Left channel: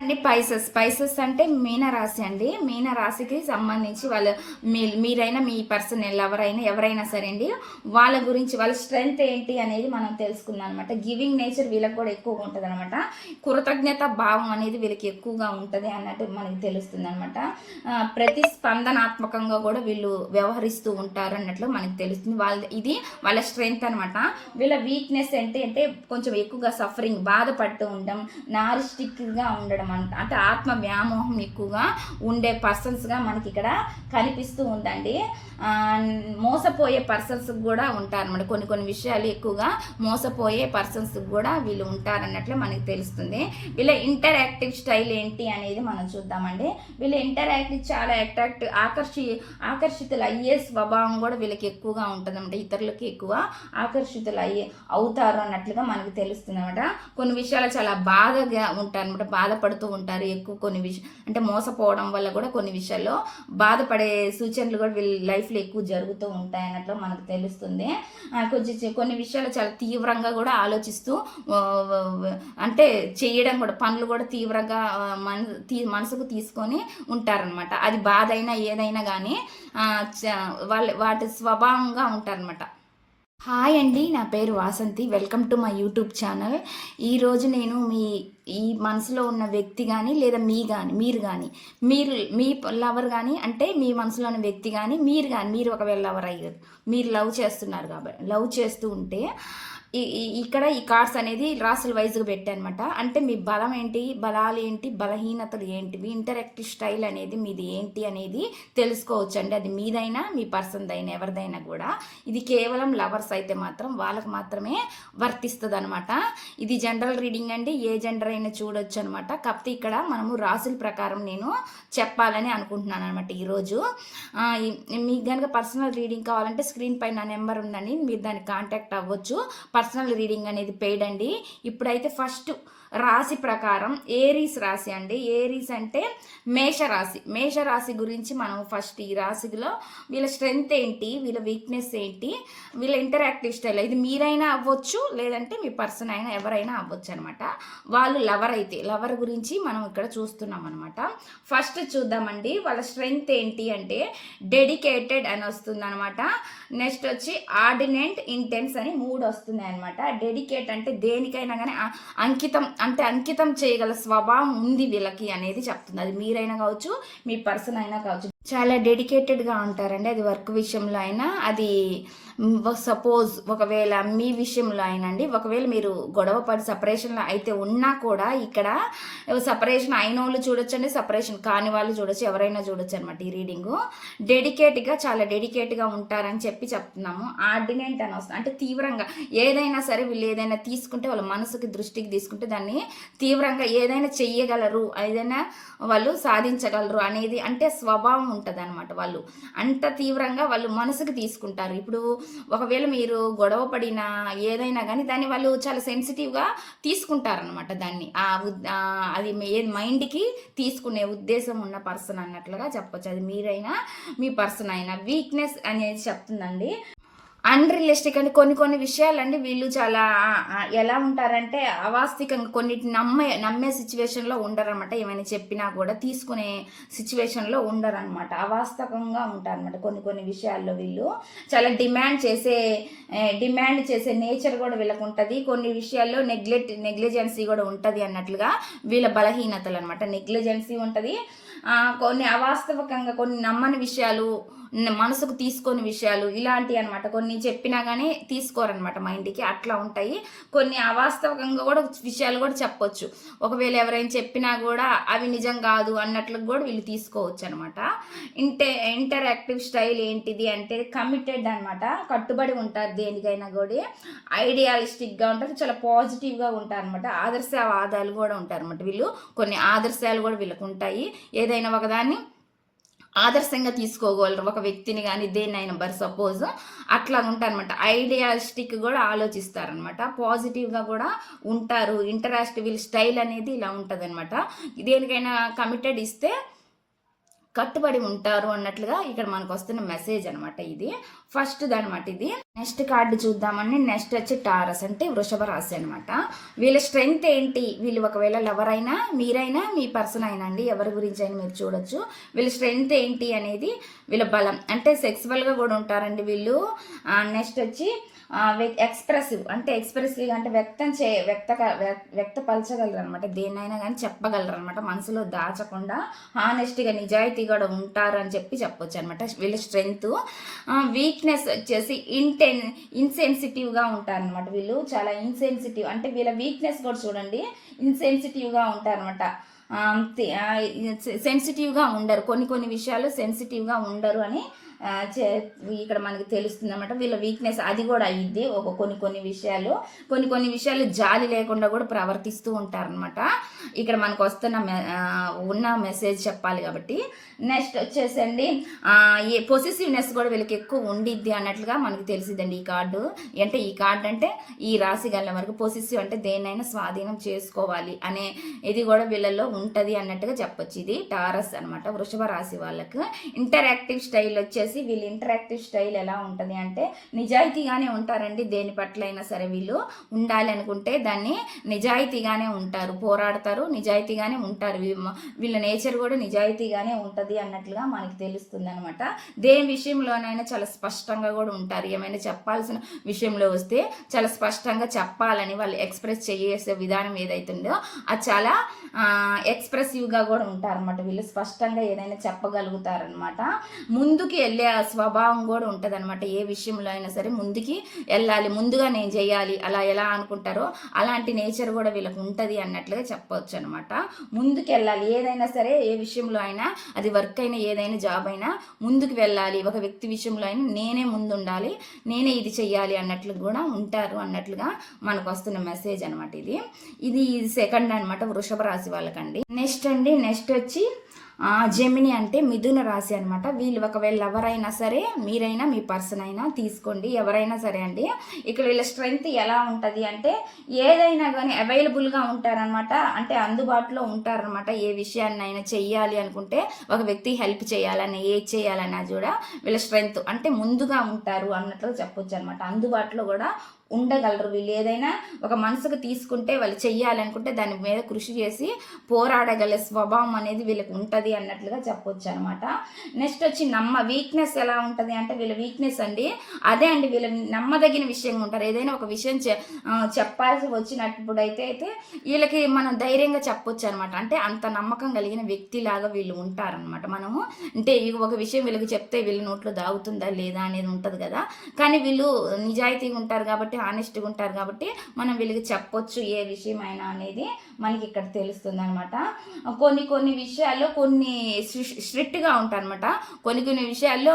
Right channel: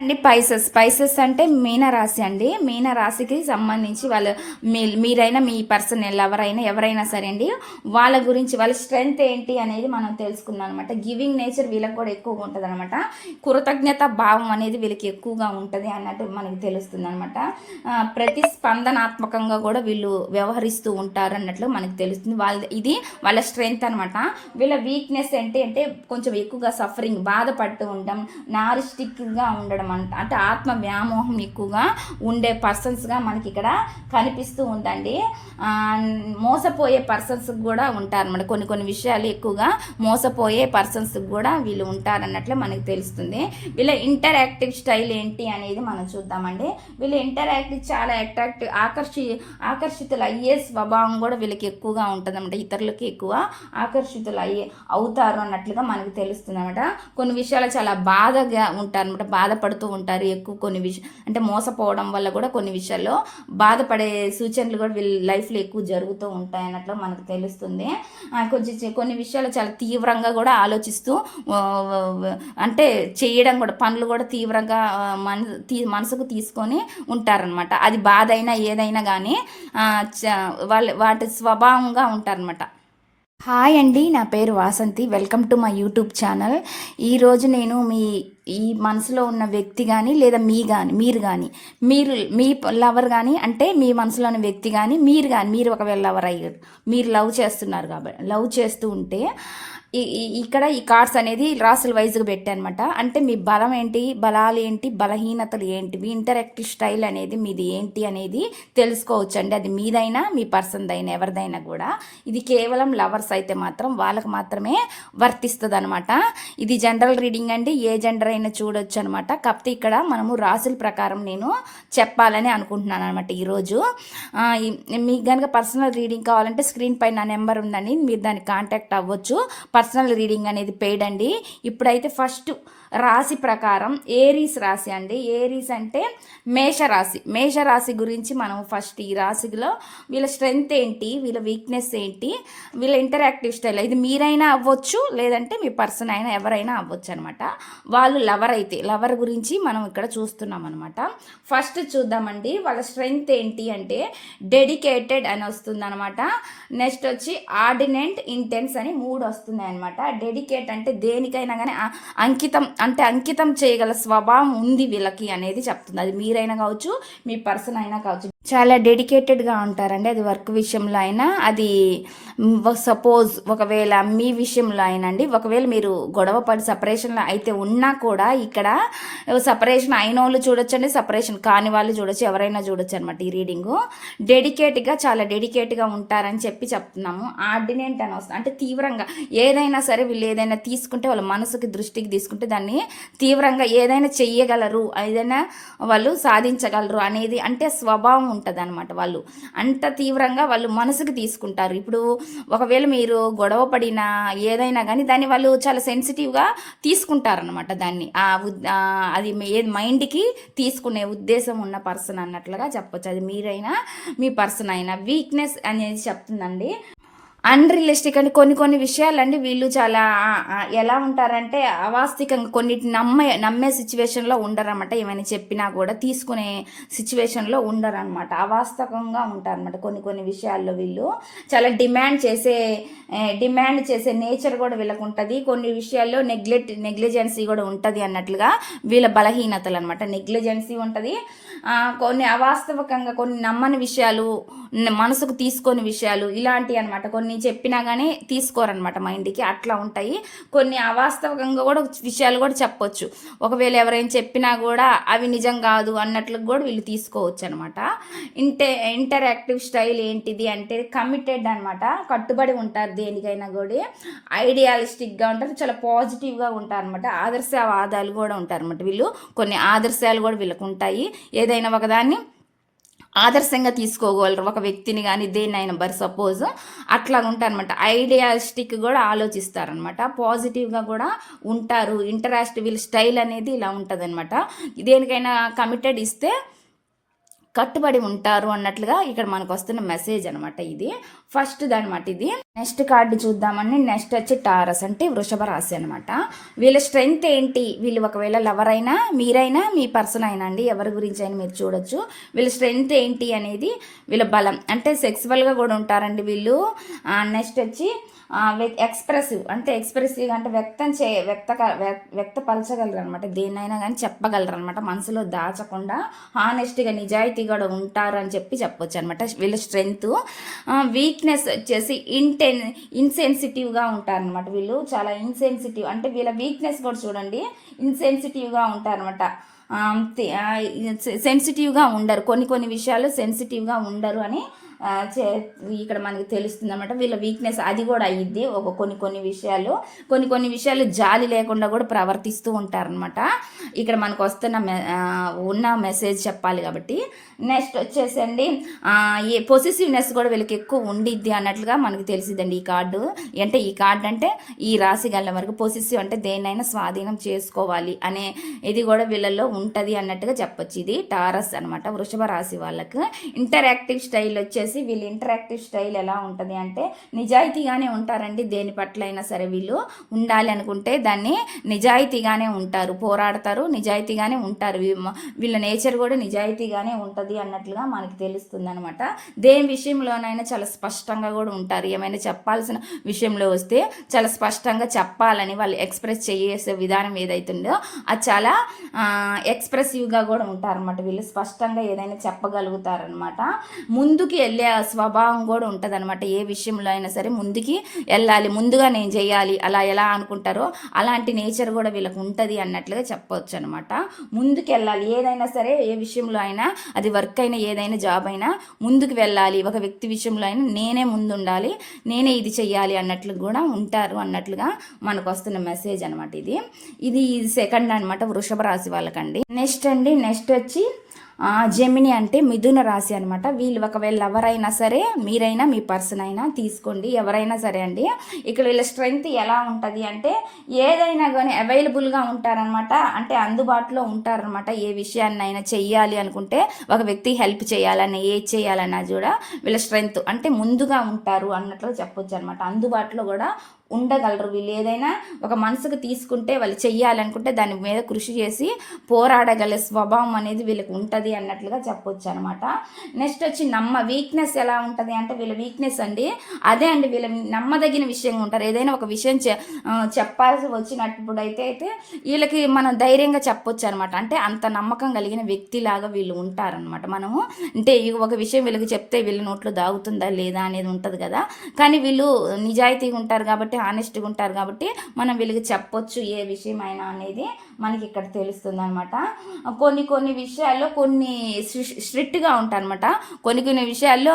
అండి Pisces Pisces అంటే మీనరాశి అండి. మీనరాశికి సంబంధించి వాళ్ళు మీ మీరైనా మీ పర్సన్ ఎవరైనా ఎవరైనా సరే అండి వాళ్ళ గురించి వాళ్ళ స్ట్రెంగ్త్ ఏంటి అనేది మనం తెలుసుకుందాం అనమాట గివింగ్ నేచర్ వీళ్ళకి కూడా ఎక్కువగా ఉంటుంది అనమాట కృతజ్ఞత భావం అనేది వీళ్ళకి ఎక్కువగా ఉంటుంది అన్నట్టు మనకి తెలుస్తుంది అనమాట ప్రతిస్పందనాత్మకంగా కూడా వీళ్ళు వ్యవహరిస్తూ ఉంటారు అన్నట్లు మనకి తెలుస్తుంది. వాళ్ళ ఇది వాళ్ళ స్ట్రెంగ్త్ అనమాట వీళ్ళ వీక్నెస్ ఏంటి అంటే కొంచెం ఎక్కువగా సఫరింగ్ బాధపడుతూ ఉండడం నారిస్టిక్గా ఉండడం అంట అంటే ఆత్మ వ్యామోహం ఎక్కువగా ఉండే పర్సన్స్గా మనకి ఇక్కడ కనిపిస్తూ ఉందండి. మోసపోయే పర్సన్స్ కూడా ఉంటారన్నమాట. కొన్ని కొన్ని విషయాలు ఎక్కువగా మోసపోయే పర్సన్స్ కూడా వీళ్ళు ఉంటారన్నట్లు మనకి తెలుస్తుంది. వీళ్ళ ఇంటరాక్టివ్ స్టైల్ ఏంటి అనేది మనం చూద్దామండి. వీళ్ళు ఇంటరాక్టివ్ చాలా అట్రాక్టివ్ ఆకర్షి ఆకర్షితులు అయ్యే స్వభావం కూడా వీళ్ళకి ఎక్కువగా ఉంటుందన్నమాట. ఇతరులకి ఎక్కువ ఆకర్షితులు అయ్యే అవుతారు అన్నట్లుగా మనకు తెలుస్తుంది అనమాట కొన్ని విషయాలు చాలా బాధగా ఉంటారనమాట అనమాట బాధపడుతూ ఉంటారు. ఎక్కువ కొన్ని విషయం అంటే మోసపోవడం వల్ల కూడా కొన్ని విషయాల్లో బాధపడే సూచనలు కూడా వీళ్ళ లైఫ్లో ఎక్కువ జరుగుతూ ఉంటాయి అన్నట్లు మనకు తెలుస్తుంది. ఆ, కొంచెం కొన్ని విషయాలు చాలా తీవ్రంగా కూడా ఆలోచిస్తూ అంటే చేయడం కూడా పనులు కూడా తీవ్రంగా మన తీ మనసుకు తీసుకొని ఉంటారనమాట అది బాధ అయినా ఏదైనా కానీ వాళ్ళ వాటి స్వభావంగా ఉంటారనమాట హాయ్ అండి నా పేరు Vasanthi. Welcome to my YouTube channel. ఈరోజు నేను మీ ఈ మనసులో ఉన్న వ్యక్తి కానీ లేదా మీ కానీ మీరు కానీ మీరు మీ లవర్ కానీ అంటే మీ మనసులో ఉన్న వ్యక్తి కానీ మీరు కానీ మీరు ఒకవేళ లవర్ అయ్యారు మీరు లవ్ చేస్తున్నారు కాబట్టి లవ్ చేస్తూ ఉంటే ఇక్కడ ఈ కార్డ్స్ అనేది రాసుల వైజ్గా పెట్టానమాట. అంటే మీ బలం ఏంటి బలాలు ఏంటి బలహీనతలు ఏంటి మీ ఇంటరాక్టివ్ స్టైల్ అనేది మీది ఏంటి అనేది తెలుసుకోవచ్చు అండి అది మీదైనా మీ పర్సన్దైనా ఎవరిదైనా కూడా. ఇది కేవలం లవర్స్ అయితే మాత్రం వాళ్ళకి మాత్రమే వర్తిస్తుంది అనమాట ఇది జనరల్ రీడింగ్ అండి. ఏ జెండర్ అయినా చూడొచ్చు అనమాట కాకపోతే ఇక్కడ మనము రాసుల ప్రకారం నేను చెప్పాలని అనుకుంటున్నాను అనమాట ఈరోజు మీకు కనుక పర్సనల్ రీడింగ్ కావాలంటే స్క్రీన్ పై నా నెంబర్ ఉందని మీరు దాన్ని కాంటాక్ట్ అవ్వచ్చు. పర్సనల్ రీడింగ్ అనేది పెయిడ్ అండి. ఇప్పుడైతే ఫస్ట్ రాశి ప్రకారం ఏరీస్ రాశి అండి. ఏరీస్ అంటే మేషరాశి. మేషరాశి గురించి మనం ఫస్ట్ ఈ రాశిలో వీళ్ళ స్ట్రెంగ్త్ ఏంటి? వీళ్ళ వీక్నెస్ ఏంటి? వీళ్ళ ఇంటరాక్టివ్ స్టైల్ ఇది మీరైనా అవ్వచ్చు లేదంటే మీ పర్సన్ అయినా ఎవరైనా అవ్వచ్చు అనమాట వాళ్ళు లవర్ అయితే లవర్ గురించి మనం ఇక్కడ చూస్తున్నాం అనమాట ఫస్ట్ చూద్దామండి. వాళ్ళ స్ట్రెంగ్త్ ఏంటి అంటే డెడికేటెడ్ అని వస్తుంది అనమాట నెక్స్ట్ వచ్చి ఆర్డినెంట్ ఇంటెన్స్ అని మూడు వస్తున్నాయి అనమాట డెడికేట్ అంటే దేనికైనా కానీ అంకితం అంటే అంకితం చేయగల స్వభావం ఉంది వీళ్ళకి అనేది చెప్తుంది. అది మీరైనా కావచ్చు మీ పర్సన్ అయినా కావచ్చు. చాలా డెడికేటెడ్గా ఉంటారండి. అది వర్క్ విషయంలో అయినా అది సపోజ్ ఒకవేళ మీ విషయంలో అయినా అండి ఒకవేళ మీరు గొడవ పడి సపరేషన్లో అయితే ఉన్నా కూడా ఇక్కడ సపరేషన్ అయిన వాళ్ళు చూడొచ్చండి సపరేషన్ కాని వాళ్ళు చూడొచ్చు ఎవరైనా చూడొచ్చు అనమాట ఈ రీడింగు. డెడికేట్గా చాలా డెడికేట్గా ఉంటారని చెప్పి చెప్తున్నాము. ఆర్డినెంట్ అని వస్తుంది అంటే తీవ్రంగా ఏదైనా సరే వీళ్ళు ఏదైనా తీసుకుంటే వాళ్ళ మనసుకి దృష్టికి తీసుకుంటే దాన్ని తీవ్రంగా ఏదైనా చెయ్యగలరు ఏదైనా వాళ్ళు సాధించగలరు అనేది అంటే స్వభావం ఉంటుంది అనమాట వాళ్ళు. అంత తీవ్రంగా వాళ్ళు మనసుకి తీసుకుంటారు. ఇప్పుడు ఒకవేళ మీరు గొడవ పడినా ఏదైనా కానీ దాన్ని వాళ్ళు చాలా సెన్సిటివ్గా తీసుకుంటారనమాట దాన్ని. ఆ అది ఏ మైండ్కి తీసుకునే ఉద్దేశం ఉన్న పర్సన్ అన్నట్లుగా చెప్పొచ్చు. అది మీరైనా మీ పర్సన్ అయినా. వీక్నెస్ అనేది చెప్తుందండి. అన్రియలిస్టిక్ అంటే కొన్ని కొన్ని విషయాలండి వీళ్ళు చాలా ఎలా ఉంటారంటే అవాస్తవికంగా కొన్నిటి నమ్మే నమ్మే సిచ్యువేషన్లో ఉండరన్నమాట. ఏమైనా చెప్పినా కూడా తీసుకునే సిచ్యువేషన్లో ఉండరన్నమాట. అవాస్తవంగా ఉంటారన్నమాట కొన్ని కొన్ని విషయాల్లో వీళ్ళు. చాలా డిమాండ్ చేసే డిమాండ్ చేసే నేచర్ కూడా వీళ్ళకు ఉంటుంది. కొన్ని విషయాల్లో నెగ్లెక్ట్ నెగ్లిజెన్సీ కూడా ఉంటుంది అన్నట్లుగా వీళ్ళ బలహీనతలు అనమాట నెగ్లిజెన్సీ ఉంటుంది. కొన్ని అవాస్తవికంగా కొన్ని నమ్మని విషయాలు మనసుకు తీసుకొని విషయాలు ఇలాంటివి అనమాట కొన్ని చెప్పినా కానీ తీసుకోరనమాట మైండ్కి. అట్లా ఉంటాయి. కొన్ని అవాస్తవికంగా కూడా విషయాలు కూడా చెప్పొచ్చు. ఒకవేళ ఎవరైనా చెప్పినా కూడా అవి నిజం కాదు అన్నట్లు కూడా వీళ్ళు తీసుకోవచ్చు అనమాట ఇంటే ఇంటరాక్టివ్ స్టైల్ ఏంటిది అంటే కమిటెడ్ అనమాట కట్టుబడి ఉంటారు దేనికైనా కూడా. ఐడియాలిస్టిక్గా ఉంటారు. చాలా పాజిటివ్గా ఉంటారు అనమాట ఆదర్శవాదాలు కూడా ఉంటారు అనమాట వీళ్ళు. కొన్ని ఆదర్శాలు కూడా వీళ్ళకు ఉంటాయి. ఏదైనా ఒకదాన్ని ఆదర్శంగా తీసుకోగలరు. ఒక వ్యక్తిని కానీ దేన్నైనా బర్ సపోజ్ అట్లా ఉంటారనమాట ఐడియాస్టిక్ కూడా ఆలోచిస్తారనమాట పాజిటివ్గా కూడా ఉంటారు. ఇంటరాక్ట్ వీళ్ళ స్టైల్ అనేది ఇలా ఉంటుంది అనమాట దేనికైనా కమిటెడ్ ఇస్తే కట్టుబడి ఉంటారు అన్నట్లుగా ఇక్కడ మనకు వస్తున్న మెసేజ్ అనమాట ఇది. ఫస్ట్ అనమాట ఇది. నెక్స్ట్ కార్డు చూద్దామండి నెక్స్ట్ వచ్చి టారస్ అంటే వృషభ రాశి అనమాట వీళ్ళ స్ట్రెంగ్త్ ఏంటి? వీళ్ళు ఒకవేళ లవర్ అయినా మీరైనా మీ పర్సన్ అయినా అండి ఎవరి గురించి అయినా మీరు చూడొచ్చు. వీళ్ళ స్ట్రెంగ్త్ ఏంటి అనేది వీళ్ళ బలం అంటే సెక్సువల్గా కూడా ఉంటారండి వీళ్ళు. నెక్స్ట్ వచ్చి ఎక్స్ప్రెసివ్ అంటే ఎక్స్ప్రెసివ్ అంటే వ్యక్తం చే వ్యక్త వ్యక్తపరచగలరు అనమాట దేన్నైనా కానీ చెప్పగలరు అనమాట మనసులో దాచకుండా హానెస్ట్గా నిజాయితీ కూడా ఉంటారు అని చెప్పి చెప్పొచ్చు అనమాట వీళ్ళ స్ట్రెంగ్త్ వీక్నెస్ వచ్చేసి ఇంటెన్ ఇన్సెన్సిటివ్గా ఉంటారనమాట వీళ్ళు. చాలా ఇన్సెన్సిటివ్ అంటే వీళ్ళ వీక్నెస్ కూడా చూడండి ఇన్సెన్సిటివ్గా ఉంటారనమాట సెన్సిటివ్గా ఉండరు. కొన్ని కొన్ని విషయాలు సెన్సిటివ్గా ఉండరు అని ఇక్కడ మనకి తెలుస్తుంది అనమాట వీళ్ళ వీక్నెస్ అది కూడా అయ్యిద్ది. ఒక కొన్ని కొన్ని విషయాలు కొన్ని కొన్ని విషయాలు జాలి లేకుండా కూడా ప్రవర్తిస్తూ ఉంటారనమాట ఇక్కడ మనకు వస్తున్న మె- ఉన్న మెసేజ్ చెప్పాలి కాబట్టి. నెక్స్ట్ వచ్చేసండి. ఏ ఈ పొసిసివ్నెస్ కూడా వీళ్ళకి ఎక్కువ ఉండిద్ది అన్నట్లుగా మనకు తెలిసిద్దండి ఈ కార్డు అంటే ఈ కార్డు అంటే ఈ రాశి గల వరకు పొసిసివ్ అంటే దేన్నైనా స్వాధీనం చేసుకోవాలి అనే ఇది కూడా వీళ్ళలో ఉంటుంది అన్నట్టుగా చెప్పొచ్చు. ఇది టారస్ అనమాట వృషభ రాశి వాళ్ళకు. ఇంటరాక్టివ్ స్టైల్ వచ్చేసి వీళ్ళు ఇంటరాక్టివ్ స్టైల్ ఎలా ఉంటుంది అంటే నిజాయితీగానే ఉంటారండి. దేని పట్ల అయినా సరే వీళ్ళు ఉండాలి అనుకుంటే దాన్ని నిజాయితీగానే ఉంటారు పోరాడతారు నిజాయితీగానే ఉంటారు. వీ- వీళ్ళ నేచర్ కూడా నిజాయితీగానే ఉంటుంది అన్నట్లుగా మనకి తెలుస్తుంది అనమాట దేని విషయంలోనైనా చాలా స్పష్టంగా కూడా ఉంటారు. ఏమైనా చెప్పాల్సిన విషయంలో వస్తే చాలా స్పష్టంగా చెప్పాలని వాళ్ళు ఎక్స్ప్రెస్ చేసే విధానం ఏదైతుందో అది చాలా ఎక్స్ప్రెసివ్గా కూడా ఉంటారనమాట వీళ్ళు స్పష్టంగా ఏదైనా చెప్పగలుగుతారనమాట ముందుకి వెళ్ళి వెళ్ళే స్వభావం కూడా ఉంటుంది అనమాట ఏ విషయంలో అయినా సరే ముందుకి వెళ్ళాలి ముందుగా నేను చేయాలి అలా ఎలా అనుకుంటారో అలాంటి నేచర్ కూడా వీళ్ళకి ఉంటుంది అన్నట్లుగా చెప్పవచ్చు అనమాట ముందుకు వెళ్ళాలి ఏదైనా సరే ఏ విషయంలో అయినా అది వర్క్ అయినా ఏదైనా జాబ్ అయినా ముందుకు వెళ్ళాలి. ఒక వ్యక్తి విషయంలో అయినా నేనే ముందు ఉండాలి నేనే ఇది చెయ్యాలి అన్నట్లు కూడా ఉంటారు అన్నట్లుగా మనకు వస్తున్న మెసేజ్ అనమాట ఇది. ఇది సెకండ్ అనమాట వృషభ రాశి వాళ్ళకండి. నెక్స్ట్ అండి నెక్స్ట్ వచ్చి జెమిని అంటే మిథున రాశి అనమాట వీళ్ళు ఒకవేళ ఎవరైనా సరే మీరైనా మీ పర్సన్ అయినా తీసుకోండి. ఎవరైనా సరే అండి ఇక్కడ వీళ్ళ స్ట్రెంగ్త్ ఎలా ఉంటుంది అంటే ఏదైనా కానీ అవైలబుల్గా ఉంటారనమాట అంటే అందుబాటులో ఉంటారనమాట ఏ విషయాన్నైనా చెయ్యాలి అనుకుంటే ఒక వ్యక్తి హెల్ప్ చేయాలన్నా ఏ చేయాలన్నా కూడా వీళ్ళ స్ట్రెంగ్త్ అంటే ముందుగా ఉంటారు అన్నట్లు చెప్పొచ్చు అనమాట అందుబాటులో కూడా ఉండగలరు. వీళ్ళు ఏదైనా ఒక మనసుకు తీసుకుంటే వాళ్ళు చెయ్యాలనుకుంటే దాని మీద కృషి చేసి పోరాడగల స్వభావం అనేది వీళ్ళకి ఉంటుంది అన్నట్లుగా చెప్పొచ్చు అనమాట నెక్స్ట్ వచ్చి నమ్మ వీక్నెస్ ఎలా ఉంటుంది అంటే వీళ్ళ వీక్నెస్ అండి. అదే అండి వీళ్ళ నమ్మదగిన విషయంగా ఉంటారు. ఏదైనా ఒక విషయం చెప్పాల్సి వచ్చినప్పుడు అయితే అయితే వీళ్ళకి మనం ధైర్యంగా చెప్పొచ్చు అనమాట అంటే అంత నమ్మకం కలిగిన వ్యక్తిలాగా వీళ్ళు ఉంటారనమాట మనము అంటే ఒక విషయం వీళ్ళకి చెప్తే వీళ్ళ నోట్లో దాగుతుందా లేదా అనేది ఉంటుంది కదా. కానీ వీళ్ళు నిజాయితీగా ఉంటారు కాబట్టి ఆనెస్ట్గా ఉంటారు కాబట్టి మనం వీళ్ళకి చెప్పొచ్చు ఏ విషయం అయినా అనేది మనకి ఇక్కడ తెలుస్తుంది అనమాట కొన్ని కొన్ని విషయాల్లో కొన్ని స్ట్రిక్ట్గా ఉంటారనమాట కొన్ని కొన్ని విషయాల్లో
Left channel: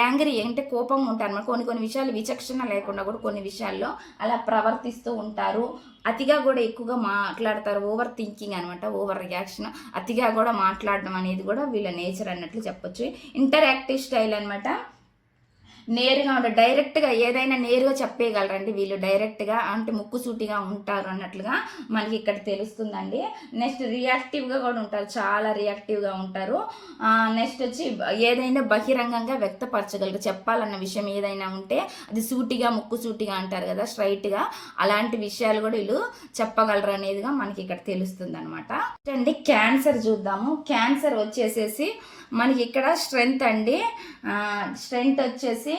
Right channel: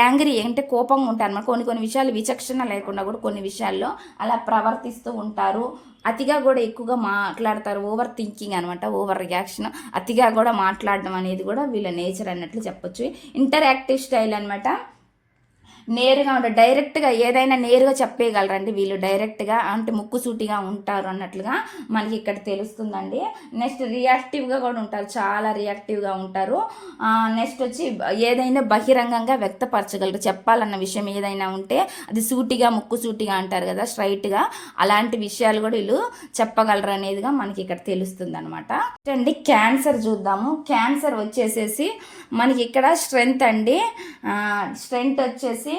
యాంగ్రీ అంటే కోపంగా ఉంటారనమాట కొన్ని కొన్ని విషయాలు విచక్షణ లేకుండా కూడా కొన్ని విషయాల్లో అలా ప్రవర్తిస్తూ ఉంటారు. అతిగా కూడా ఎక్కువగా మాట్లాడతారు. ఓవర్ థింకింగ్ అనమాట ఓవర్ రియాక్షన్. అతిగా కూడా మాట్లాడడం అనేది కూడా వీళ్ళ నేచర్ అన్నట్లు చెప్పొచ్చు. ఇంటరాక్టివ్ స్టైల్ అనమాట నేరుగా ఉంటారు డైరెక్ట్గా ఏదైనా నేరుగా చెప్పేయగలరండి వీళ్ళు డైరెక్ట్గా అంటే ముక్కుసూటిగా ఉంటారు అన్నట్లుగా మనకి ఇక్కడ తెలుస్తుందండి. నెక్స్ట్ రియాక్టివ్గా కూడా ఉంటారు చాలా రియాక్టివ్గా ఉంటారు. నెక్స్ట్ వచ్చి ఏదైనా బహిరంగంగా వ్యక్తపరచగలరు. చెప్పాలన్న విషయం ఏదైనా ఉంటే అది సూటిగా ముక్కుసూటిగా అంటారు కదా స్ట్రైట్గా అలాంటి విషయాలు కూడా వీళ్ళు చెప్పగలరు అనేదిగా మనకి ఇక్కడ తెలుస్తుంది అనమాట అండి క్యాన్సర్ చూద్దాము. క్యాన్సర్ వచ్చేసేసి మనకి ఇక్కడ స్ట్రెంగ్త్ అండి. స్ట్రెంగ్త్ వచ్చేసి